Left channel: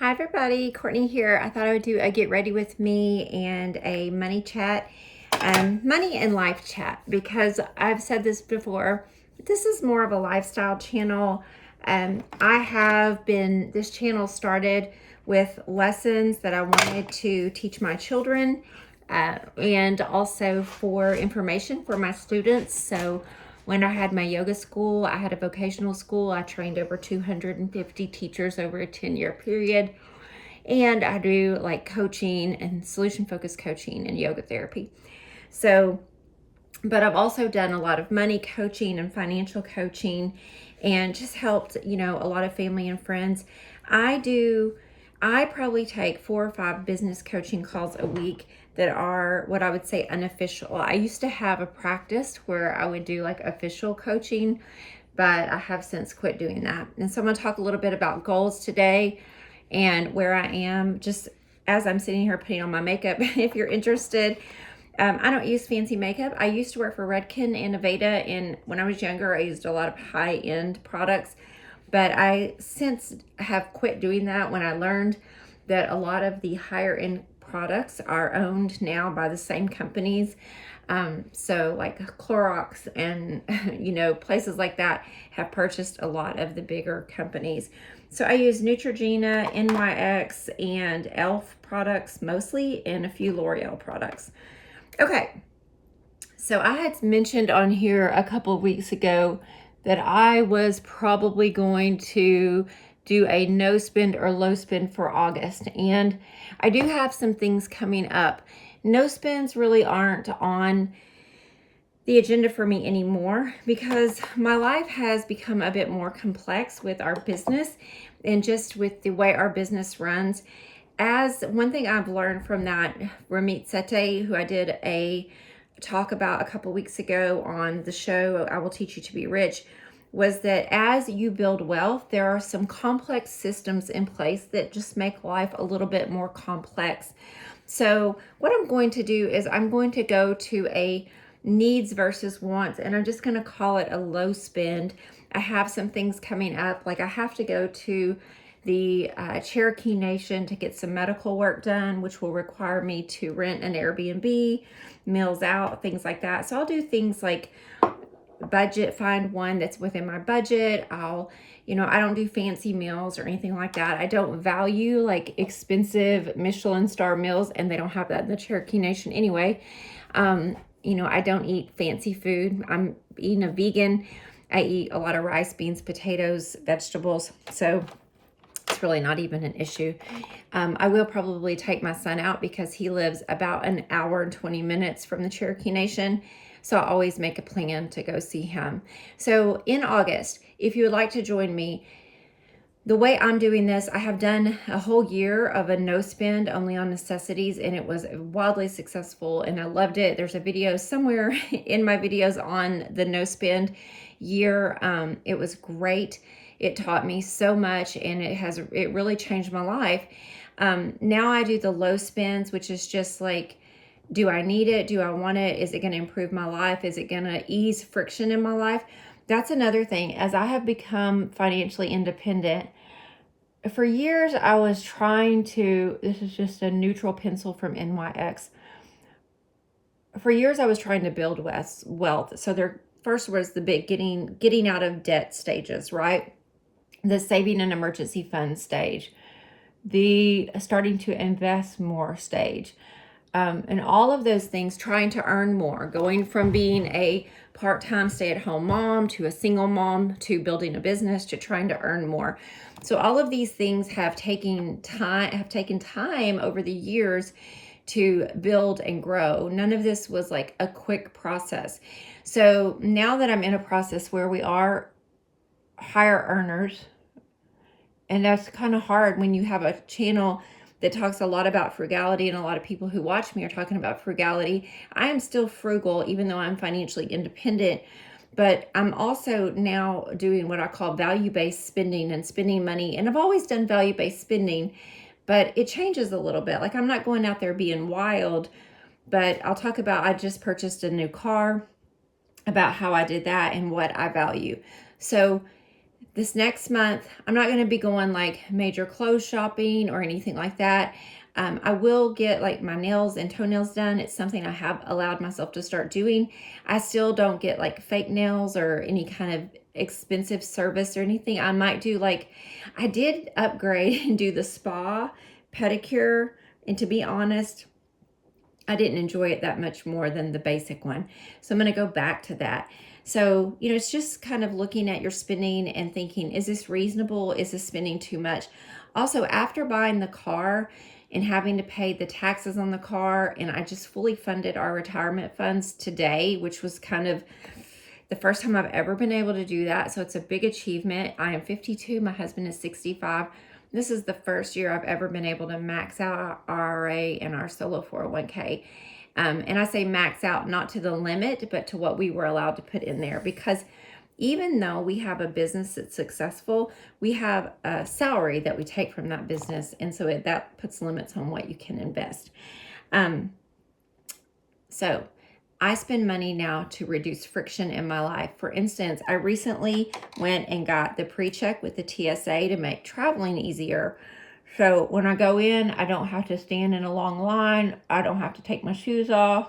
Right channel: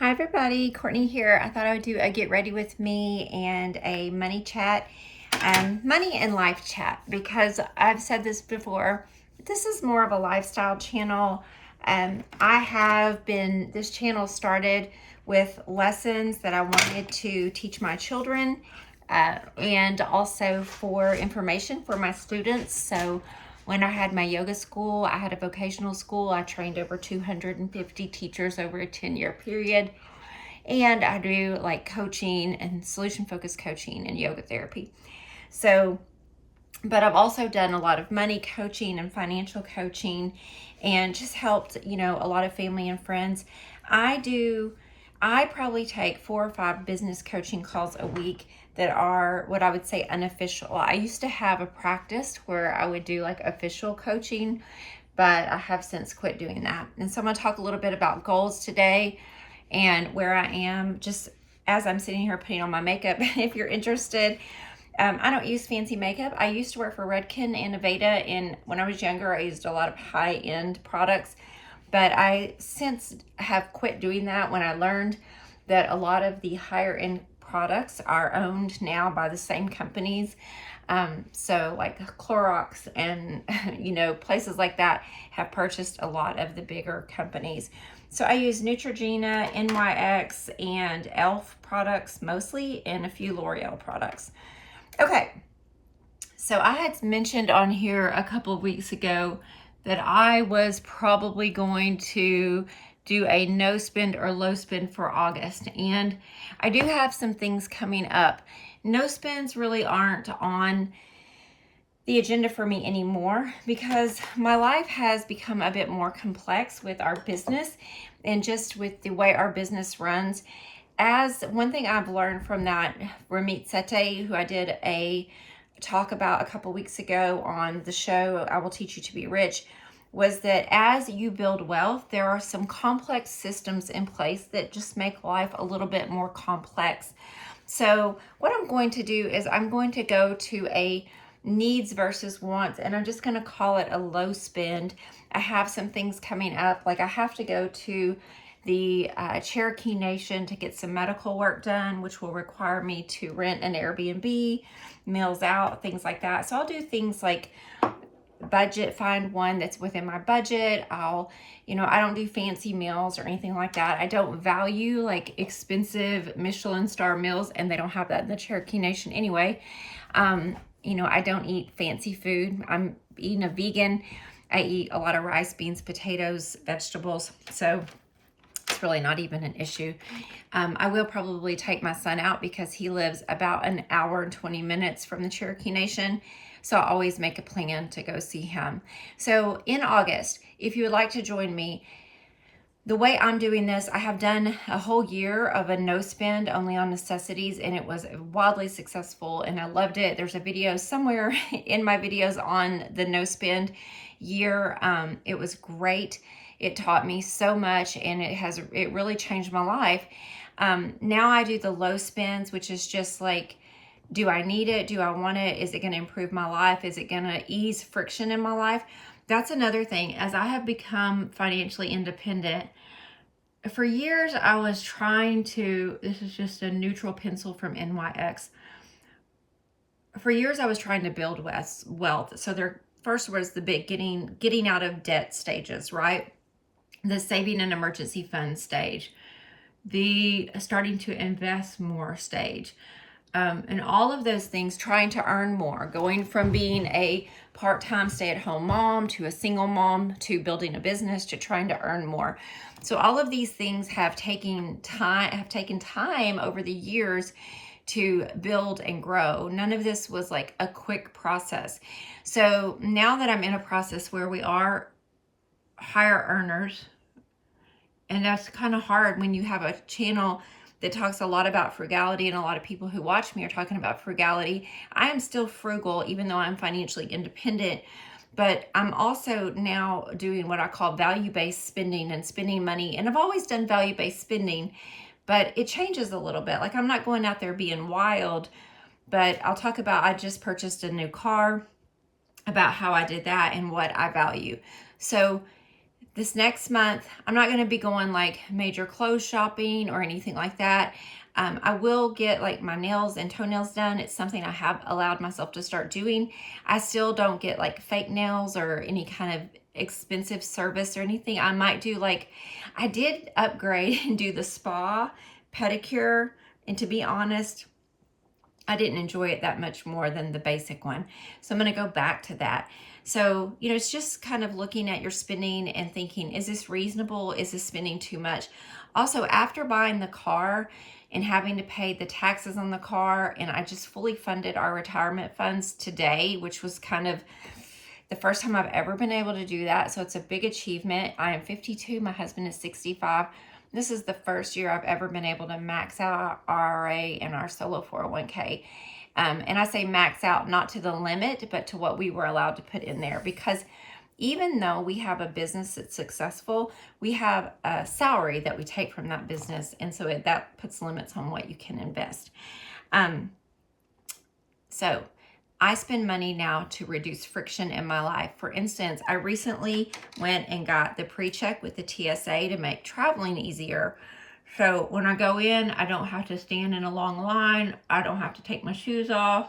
Hi everybody, Courtney here. I thought I would do a get ready with me and a money chat, money and life chat, because I've said this before. This is more of a lifestyle channel. This channel started with lessons that I wanted to teach my children, and also for information for my students. So when I had my yoga school, I had a vocational school. I trained over 250 teachers over a 10-year period. And I do like coaching and solution focused coaching and yoga therapy. So, but I've also done a lot of money coaching and financial coaching and just helped, a lot of family and friends. I probably take 4 or 5 business coaching calls a week that are what I would say unofficial. I used to have a practice where I would do like official coaching, but I have since quit doing that. And so I'm going to talk a little bit about goals today and where I am just as I'm sitting here putting on my makeup. If you're interested, I don't use fancy makeup. I used to work for Redken and Aveda, and when I was younger, I used a lot of high-end products, but I since have quit doing that when I learned that a lot of the higher-end products are owned now by the same companies. So like Clorox and places like that have purchased a lot of the bigger companies. So I use Neutrogena, NYX, and e.l.f. products mostly, and a few L'Oreal products. Okay, so I had mentioned on here a couple of weeks ago that I was probably going to do a no spend or low spend for August, and I do have some things coming up. No spends really aren't on the agenda for me anymore because my life has become a bit more complex with our business and just with the way our business runs. As one thing I've learned from that, Ramit Sethi, who I did a talk about a couple weeks ago on the show, I Will Teach You to Be Rich, was that as you build wealth, there are some complex systems in place that just make life a little bit more complex. So what I'm going to do is I'm going to go to a needs versus wants, and I'm just going to call it a low spend. I have some things coming up, like I have to go to the Cherokee Nation to get some medical work done, which will require me to rent an Airbnb, meals out, things like that. So I'll do things like find one that's within my budget. I don't do fancy meals or anything like that. I don't value like expensive Michelin star meals, and they don't have that in the Cherokee Nation anyway. I don't eat fancy food. I'm eating a vegan. I eat a lot of rice, beans, potatoes, vegetables. So it's really not even an issue. I will probably take my son out because he lives about an hour and 20 minutes from the Cherokee Nation. So I always make a plan to go see him. So in August, if you would like to join me, the way I'm doing this, I have done a whole year of a no spend only on necessities, and it was wildly successful and I loved it. There's a video somewhere in my videos on the no spend year. It was great. It taught me so much, and it really changed my life. Now I do the low spends, which is just like, do I need it? Do I want it? Is it going to improve my life? Is it going to ease friction in my life? That's another thing. As I have become financially independent, for years I was this is just a neutral pencil from NYX. For years I was trying to build wealth. So there first was the big getting out of debt stages, right? The saving an emergency fund stage, the starting to invest more stage. And all of those things, trying to earn more, going from being a part-time stay-at-home mom to a single mom to building a business to trying to earn more. So all of these things have taken time over the years to build and grow. None of this was like a quick process. So now that I'm in a process where we are higher earners, and that's kind of hard when you have a channel that talks a lot about frugality, and a lot of people who watch me are talking about frugality. I am still frugal, even though I'm financially independent, but I'm also now doing what I call value-based spending and spending money. And I've always done value-based spending, but it changes a little bit. Like I'm not going out there being wild, but I'll talk about, I just purchased a new car, about how I did that and what I value. So This next month, I'm not going to be going like major clothes shopping or anything like that. I will get like my nails and toenails done. It's something I have allowed myself to start doing. I still don't get like fake nails or any kind of expensive service or anything. I might do like, I did upgrade and do the spa pedicure. And to be honest, I didn't enjoy it that much more than the basic one. So I'm going to go back to that. So, it's just kind of looking at your spending and thinking, is this reasonable? Is this spending too much? Also, after buying the car and having to pay the taxes on the car, and I just fully funded our retirement funds today, which was kind of the first time I've ever been able to do that. So it's a big achievement. I am 52. My husband is 65. This is the first year I've ever been able to max out our IRA and our solo 401k. And I say max out not to the limit, but to what we were allowed to put in there. Because even though we have a business that's successful, we have a salary that we take from that business. And so that puts limits on what you can invest. So I spend money now to reduce friction in my life. For instance, I recently went and got the pre-check with the TSA to make traveling easier. So when I go in, I don't have to stand in a long line. I don't have to take my shoes off.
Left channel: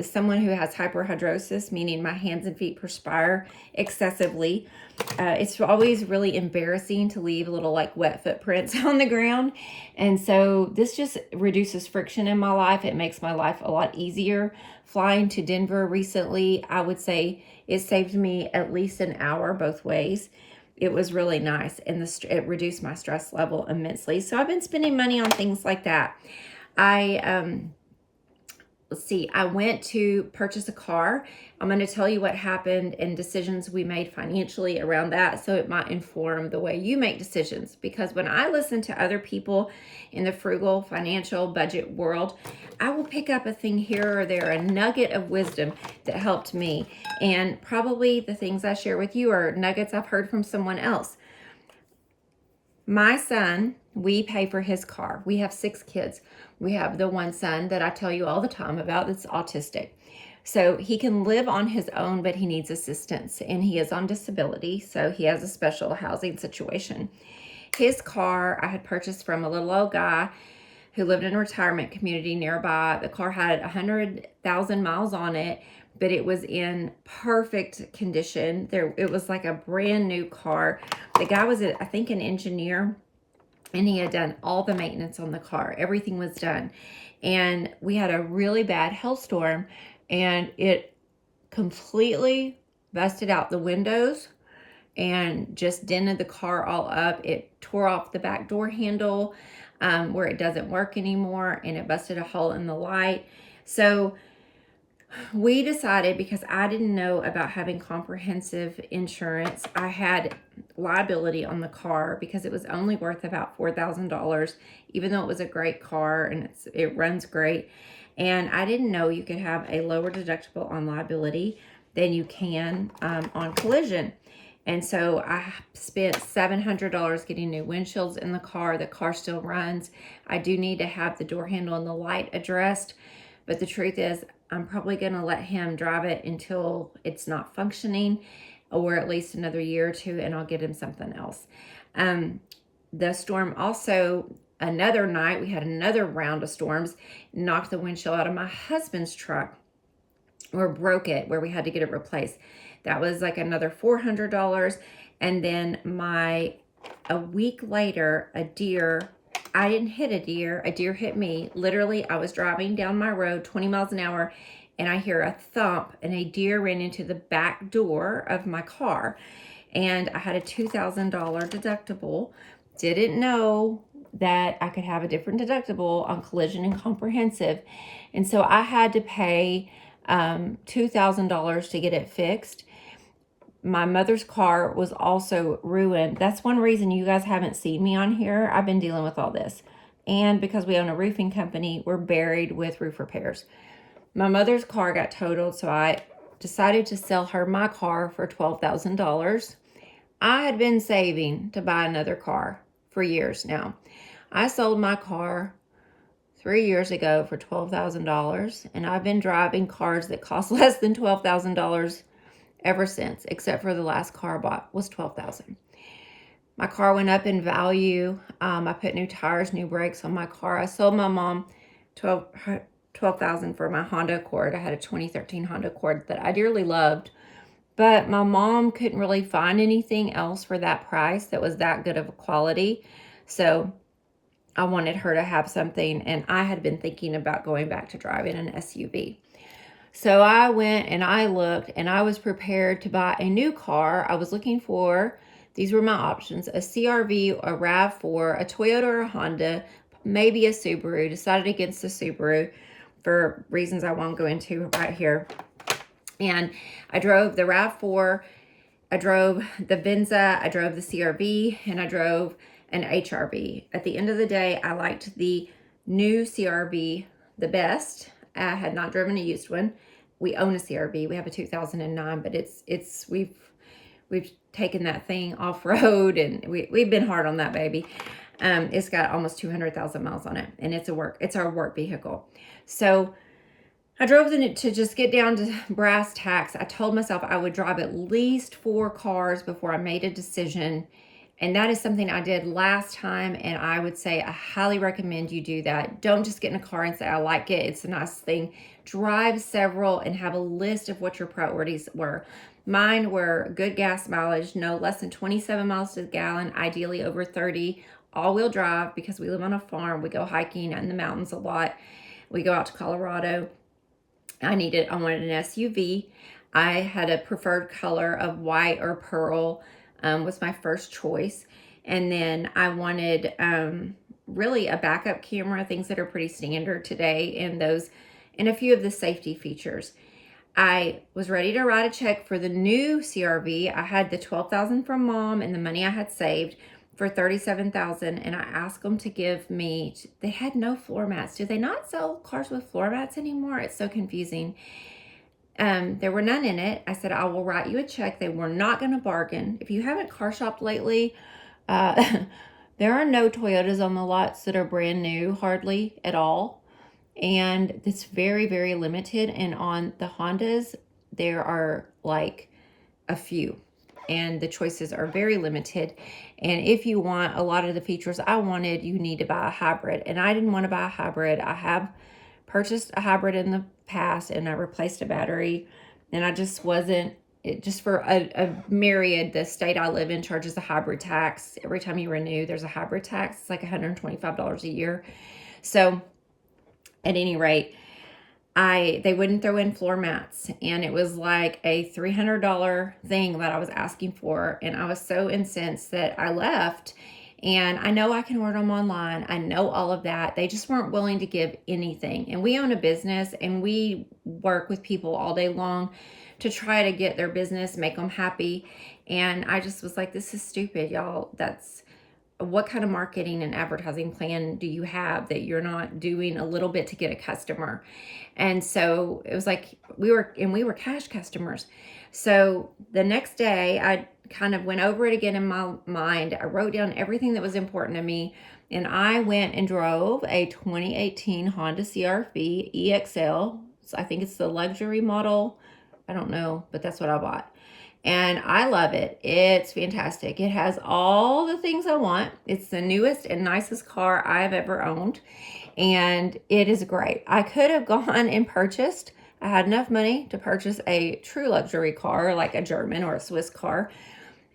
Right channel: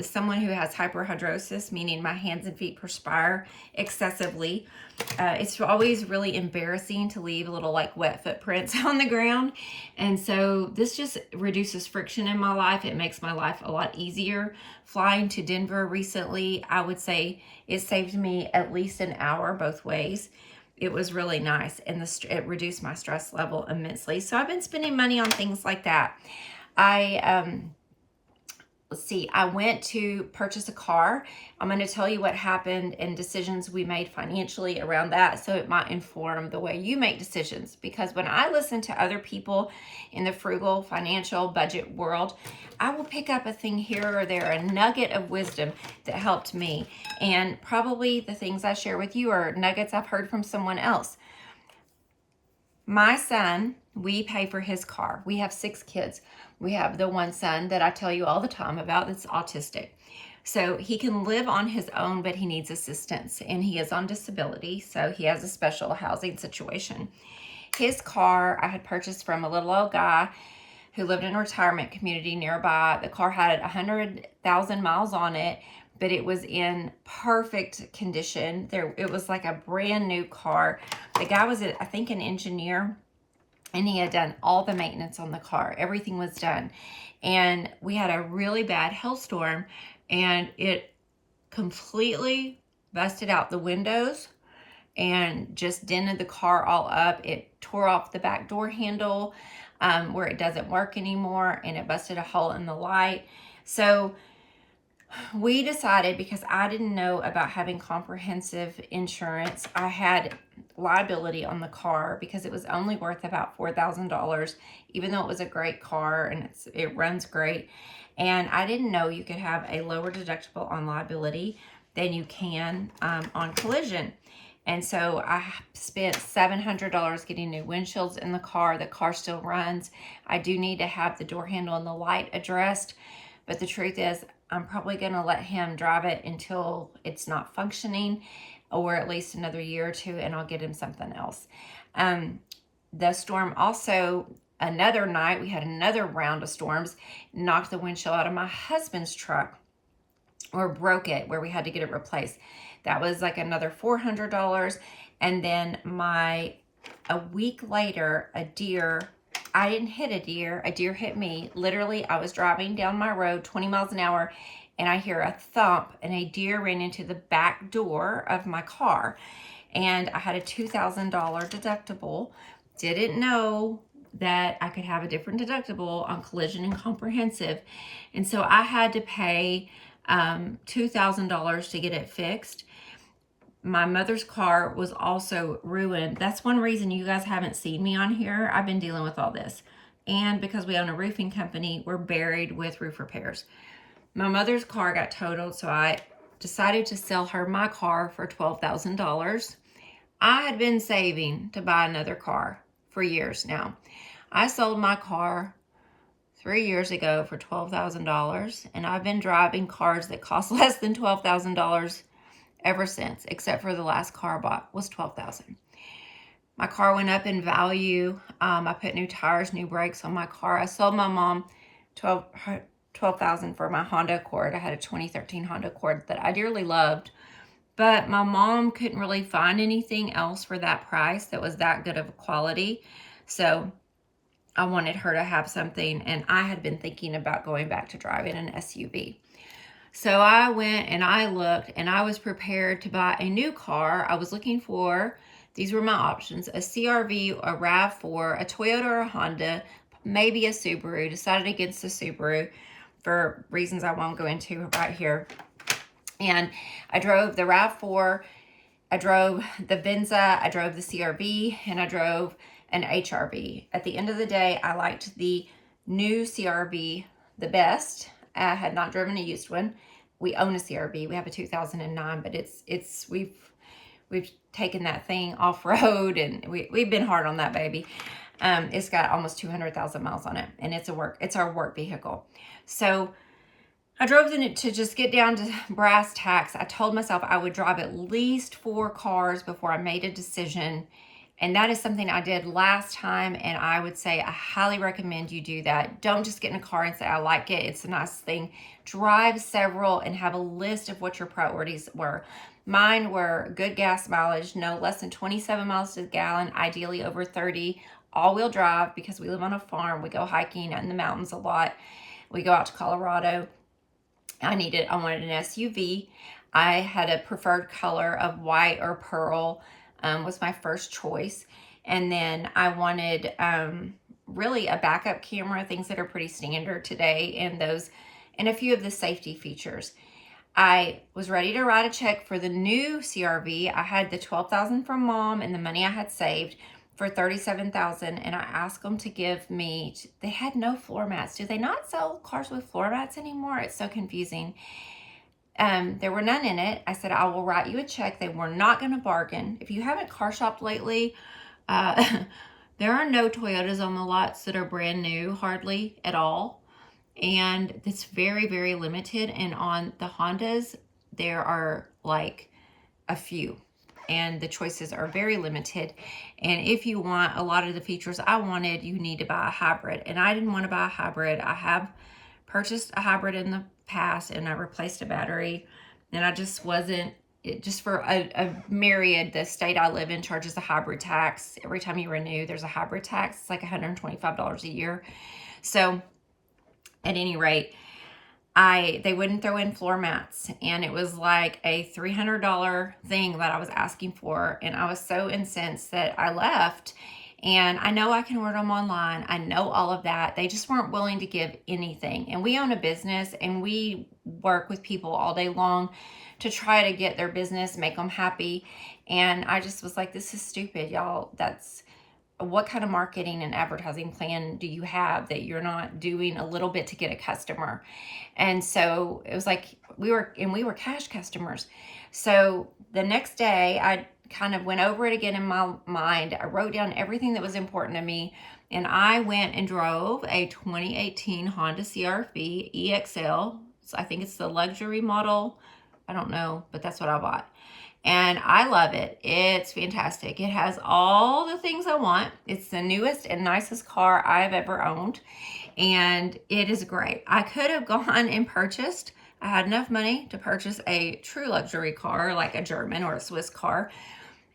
Someone who has hyperhidrosis, meaning my hands and feet perspire excessively. It's always really embarrassing to leave little like wet footprints on the ground. And so this just reduces friction in my life. It makes my life a lot easier. Flying to Denver recently, I would say it saved me at least an hour both ways. It was really nice, and it reduced my stress level immensely. So I've been spending money on things like that. Let's see, I went to purchase a car. I'm going to tell you what happened and decisions we made financially around that, so it might inform the way you make decisions. Because when I listen to other people in the frugal financial budget world, I will pick up a thing here or there, a nugget of wisdom that helped me. And probably the things I share with you are nuggets I've heard from someone else. My son, we pay for his car. We have 6 kids. We have the one son that I tell you all the time about that's autistic. So he can live on his own, but he needs assistance, and he is on disability, so he has a special housing situation. His car I had purchased from a little old guy who lived in a retirement community nearby. The car had 100,000 miles on it, but it was in perfect condition. It was like a brand new car. The guy was, I think, an engineer, and he had done all the maintenance on the car. Everything was done. And we had a really bad hailstorm, and it completely busted out the windows and just dented the car all up. It tore off the back door handle where it doesn't work anymore, and it busted a hole in the light. So we decided, because I didn't know about having comprehensive insurance, I had liability on the car because it was only worth about $4,000, even though it was a great car and it runs great. And I didn't know you could have a lower deductible on liability than you can on collision. And so I spent $700 getting new windshields in the car. The car still runs. I do need to have the door handle and the light addressed. But the truth is, I'm probably going to let him drive it until it's not functioning, or at least another year or two, and I'll get him something else. The storm also, another night, we had another round of storms, knocked the windshield out of my husband's truck, or broke it, where we had to get it replaced. That was like another $400. And then a week later, I didn't hit a deer hit me. Literally, I was driving down my road 20 miles an hour, and I hear a thump, and a deer ran into the back door of my car. And I had a $2,000 deductible. Didn't know that I could have a different deductible on collision and comprehensive. And so I had to pay $2,000 to get it fixed. My mother's car was also ruined. That's one reason you guys haven't seen me on here. I've been dealing with all this. And because we own a roofing company, we're buried with roof repairs. My mother's car got totaled, so I decided to sell her my car for $12,000. I had been saving to buy another car for years now. I sold my car 3 years ago for $12,000, and I've been driving cars that cost less than $12,000 ever since, except for the last car I bought was $12,000. My car went up in value. I put new tires, new brakes on my car. I sold my mom $12,000 for my Honda Accord. I had a 2013 Honda Accord that I dearly loved, but my mom couldn't really find anything else for that price that was that good of a quality. So I wanted her to have something, and I had been thinking about going back to driving an SUV. So I went and I looked, and I was prepared to buy a new car. I was looking for, these were my options, a CRV, a RAV4, a Toyota or a Honda, maybe a Subaru. Decided against the Subaru for reasons I won't go into right here. And I drove the RAV4, I drove the Venza, I drove the CRV, and I drove an HRV. At the end of the day, I liked the new CRV the best. I had not driven a used one. We own a CRV. We have a 2009, but we've taken that thing off road, and we've been hard on that baby. It's got almost 200,000 miles on it, and it's our work vehicle. So I drove to just get down to brass tacks. I told myself I would drive at least 4 cars before I made a decision. And that is something I did last time, and I would say I highly recommend you do that. Don't just get in a car and say, I like it, it's a nice thing. Drive several and have a list of what your priorities were. Mine were good gas mileage, no less than 27 miles to the gallon, ideally over 30, all-wheel drive because we live on a farm. We go hiking in the mountains a lot. We go out to Colorado. I wanted an SUV. I had a preferred color of white or pearl, was my first choice. And then I wanted really a backup camera, things that are pretty standard today, and a few of the safety features. I was ready to write a check for the new CRV. I had the $12,000 from mom and the money I had saved for $37,000, and I asked them to give me, they had no floor mats. Do they not sell cars with floor mats anymore? It's so confusing. There were none in it. I said, I will write you a check. They were not going to bargain. If you haven't car shopped lately, there are no Toyotas on the lots that are brand new, hardly at all. And it's very, very limited. And on the Hondas, there are like a few, and the choices are very limited. And if you want a lot of the features I wanted, you need to buy a hybrid. And I didn't want to buy a hybrid. I have purchased a hybrid in the past, and I replaced a battery, and I just wasn't, just for a myriad, the state I live in charges a hybrid tax. Every time you renew, there's a hybrid tax. It's like $125 a year. So at any rate, they wouldn't throw in floor mats, and it was like a $300 thing that I was asking for, and I was so incensed that I left. And I know I can order them online. I know all of that. They just weren't willing to give anything. And we own a business, and we work with people all day long to try to get their business, make them happy. And I just was like, this is stupid, y'all. What kind of marketing and advertising plan do you have that you're not doing a little bit to get a customer? And so it was like we were cash customers. So the next day I kind of went over it again in my mind. I wrote down everything that was important to me, and I went and drove a 2018 Honda CR-V EXL. So I think it's the luxury model. I don't know, but that's what I bought. And I love it. It's fantastic. It has all the things I want. It's the newest and nicest car I've ever owned, and it is great. I could have gone and purchased, I had enough money to purchase a true luxury car like a German or a Swiss car,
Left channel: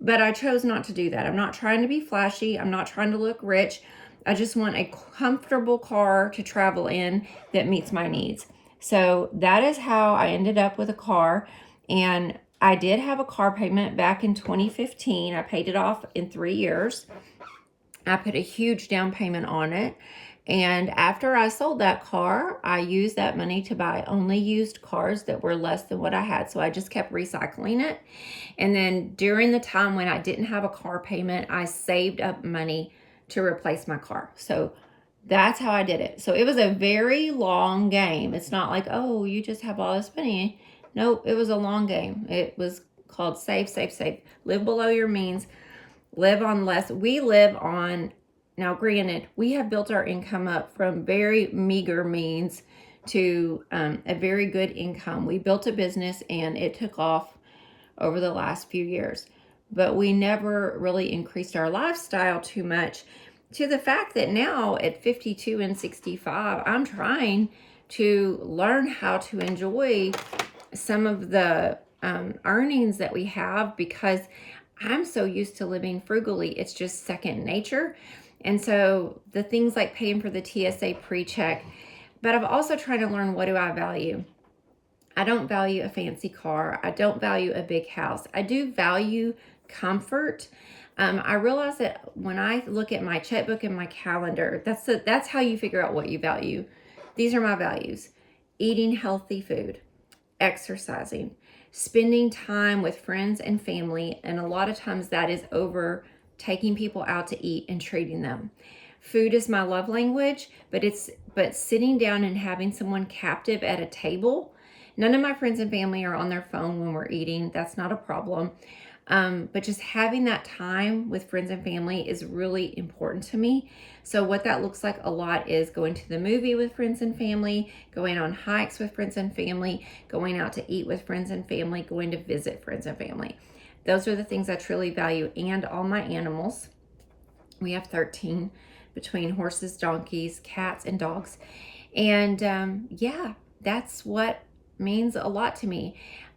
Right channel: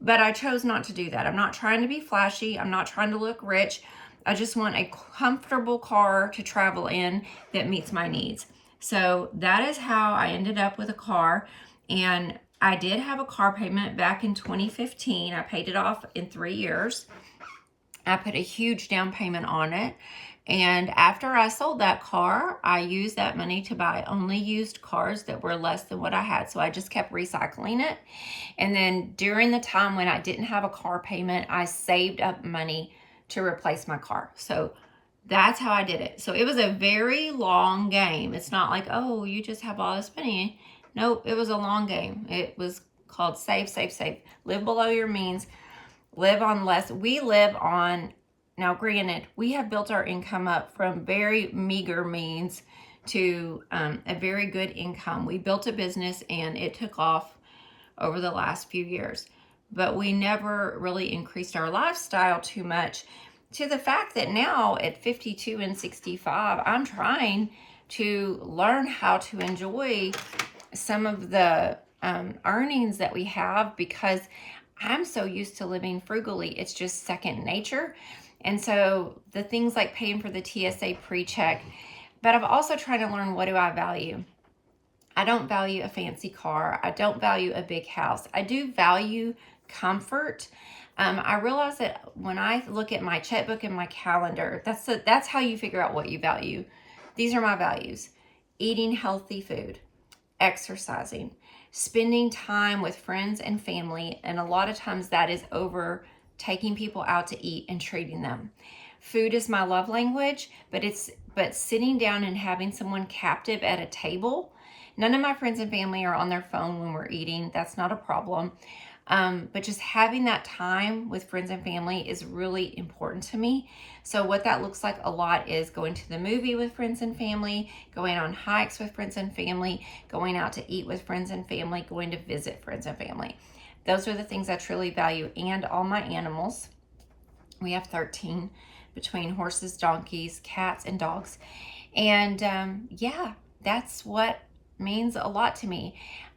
but I chose not to do that. I'm not trying to be flashy. I'm not trying to look rich. I just want a comfortable car to travel in that meets my needs. So that is how I ended up with a car. And I did have a car payment back in 2015. I paid it off in 3 years. I put a huge down payment on it. And after I sold that car, I used that money to buy only used cars that were less than what I had. So I just kept recycling it. And then during the time when I didn't have a car payment, I saved up money to replace my car. So that's how I did it. So it was a very long game. It's not like, oh, you just have all this money. Nope, it was a long game. It was called save, save, save. Live below your means. Live on less. We live on, now granted, we have built our income up from very meager means to a very good income. We built a business, and it took off over the last few years. But we never really increased our lifestyle too much, to the fact that now at 52 and 65, I'm trying to learn how to enjoy some of the earnings that we have, because I'm so used to living frugally. It's just second nature. And so the things like paying for the TSA pre-check, but I've also tried to learn, what do I value? I don't value a fancy car. I don't value a big house. I do value comfort. I realize that when I look at my checkbook and my calendar, that's how you figure out what you value. These are my values: eating healthy food, exercising, spending time with friends and family, and a lot of times that is over taking people out to eat and treating them. Food is my love language, but sitting down and having someone captive at a table. None of my friends and family are on their phone when we're eating. That's not a problem. But just having that time with friends and family is really important to me. So what that looks like a lot is going to the movie with friends and family, going on hikes with friends and family, going out to eat with friends and family, going to visit friends and family. Those are the things I truly value. And all my animals. We have 13 between horses, donkeys, cats, and dogs. And yeah, that's what means a lot to me.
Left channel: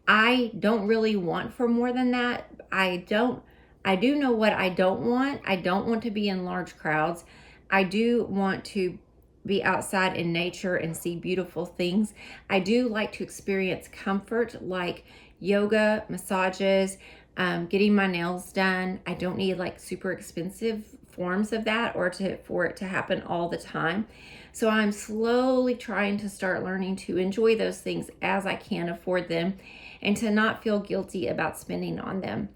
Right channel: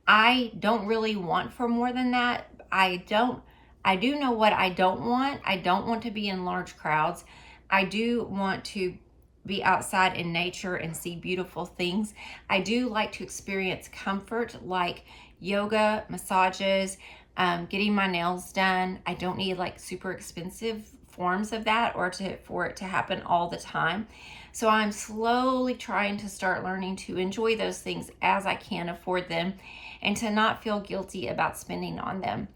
I don't really want for more than that. I do know what I don't want. I don't want to be in large crowds. I do want to be outside in nature and see beautiful things. I do like to experience comfort, like yoga, massages, getting my nails done. I don't need like super expensive forms of that or for it to happen all the time. So I'm slowly trying to start learning to enjoy those things as I can afford them, and to not feel guilty about spending on them.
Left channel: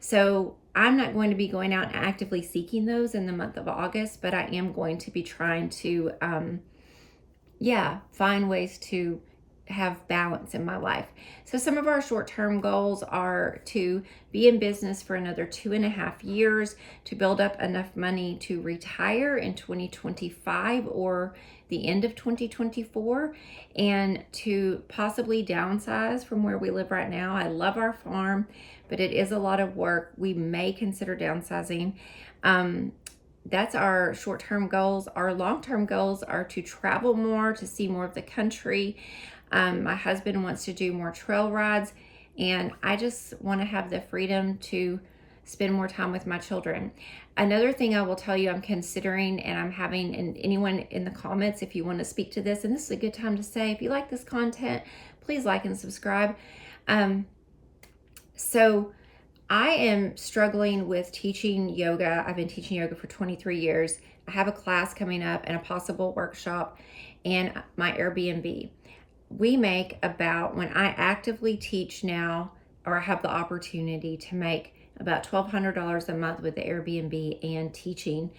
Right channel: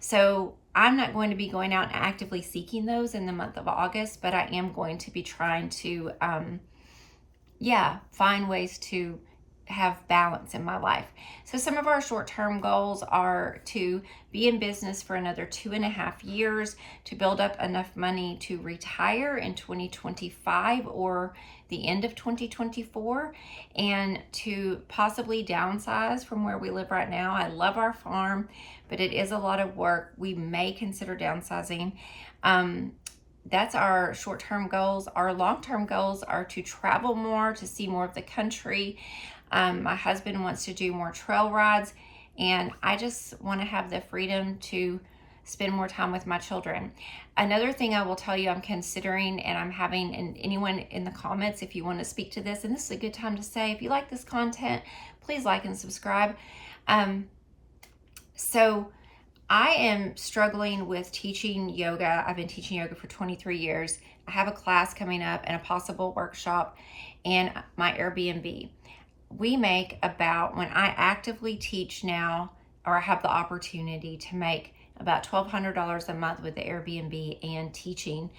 So I'm not going to be going out and actively seeking those in the month of August, but I am going to be trying to, find ways to have balance in my life. So some of our short-term goals are to be in business for another 2.5 years, to build up enough money to retire in 2025 or the end of 2024, and to possibly downsize from where we live right now. I love our farm, but it is a lot of work. We may consider downsizing. That's our short-term goals. Our long-term goals are to travel more, to see more of the country. My husband wants to do more trail rides, and I just want to have the freedom to spend more time with my children. Another thing I will tell you I'm considering, and I'm having, and anyone in the comments, if you want to speak to this, and this is a good time to say, if you like this content, please like and subscribe. So I am struggling with teaching yoga. I've been teaching yoga for 23 years. I have a class coming up and a possible workshop and my Airbnb. We make about, when I actively teach now, or I have the opportunity to make about $1,200 a month with the Airbnb and teaching.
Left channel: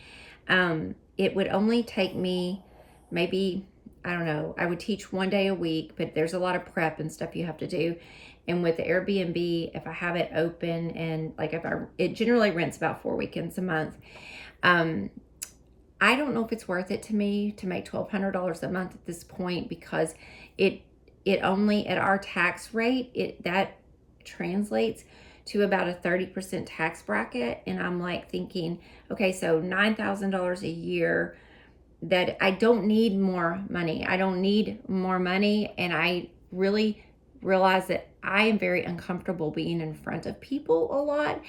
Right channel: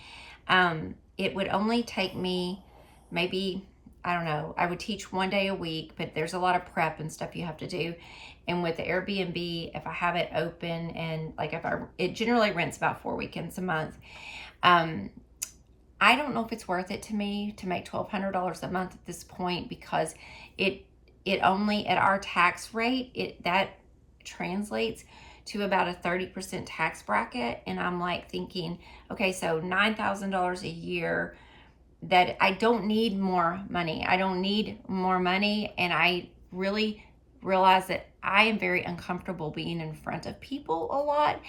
It would only take me maybe, I don't know, I would teach 1 day a week, but there's a lot of prep and stuff you have to do. And with the Airbnb, if I have it open, and like it generally rents about 4 weekends a month. I don't know if it's worth it to me to make $1,200 a month at this point, because it only, at our tax rate, that translates to about a 30% tax bracket. And I'm like thinking, okay, so $9,000 a year, that I don't need more money. I don't need more money. And I really realize that I am very uncomfortable being in front of people a lot.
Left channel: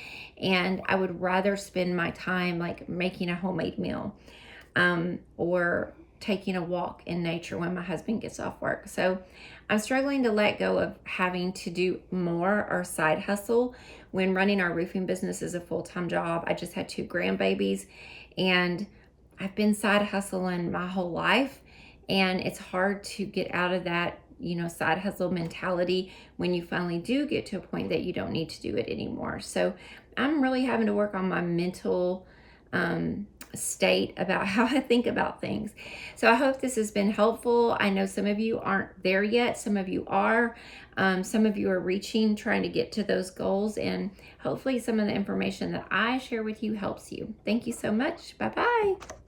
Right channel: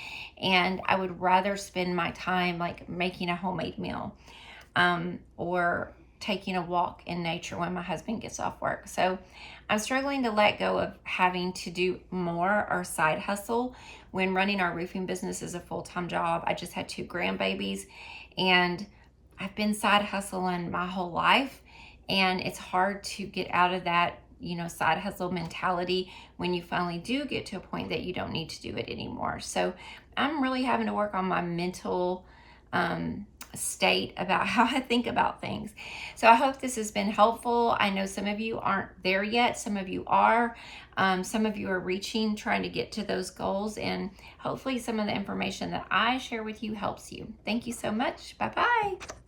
And I would rather spend my time like making a homemade meal, or taking a walk in nature when my husband gets off work. So I'm struggling to let go of having to do more or side hustle when running our roofing business is a full-time job. I just had 2 grandbabies, and I've been side hustling my whole life, and it's hard to get out of that, side hustle mentality when you finally do get to a point that you don't need to do it anymore. So I'm really having to work on my mental state about how I think about things. So I hope this has been helpful. I know some of you aren't there yet. Some of you are. Some of you are trying to get to those goals, and hopefully some of the information that I share with you helps you. Thank you so much. Bye-bye.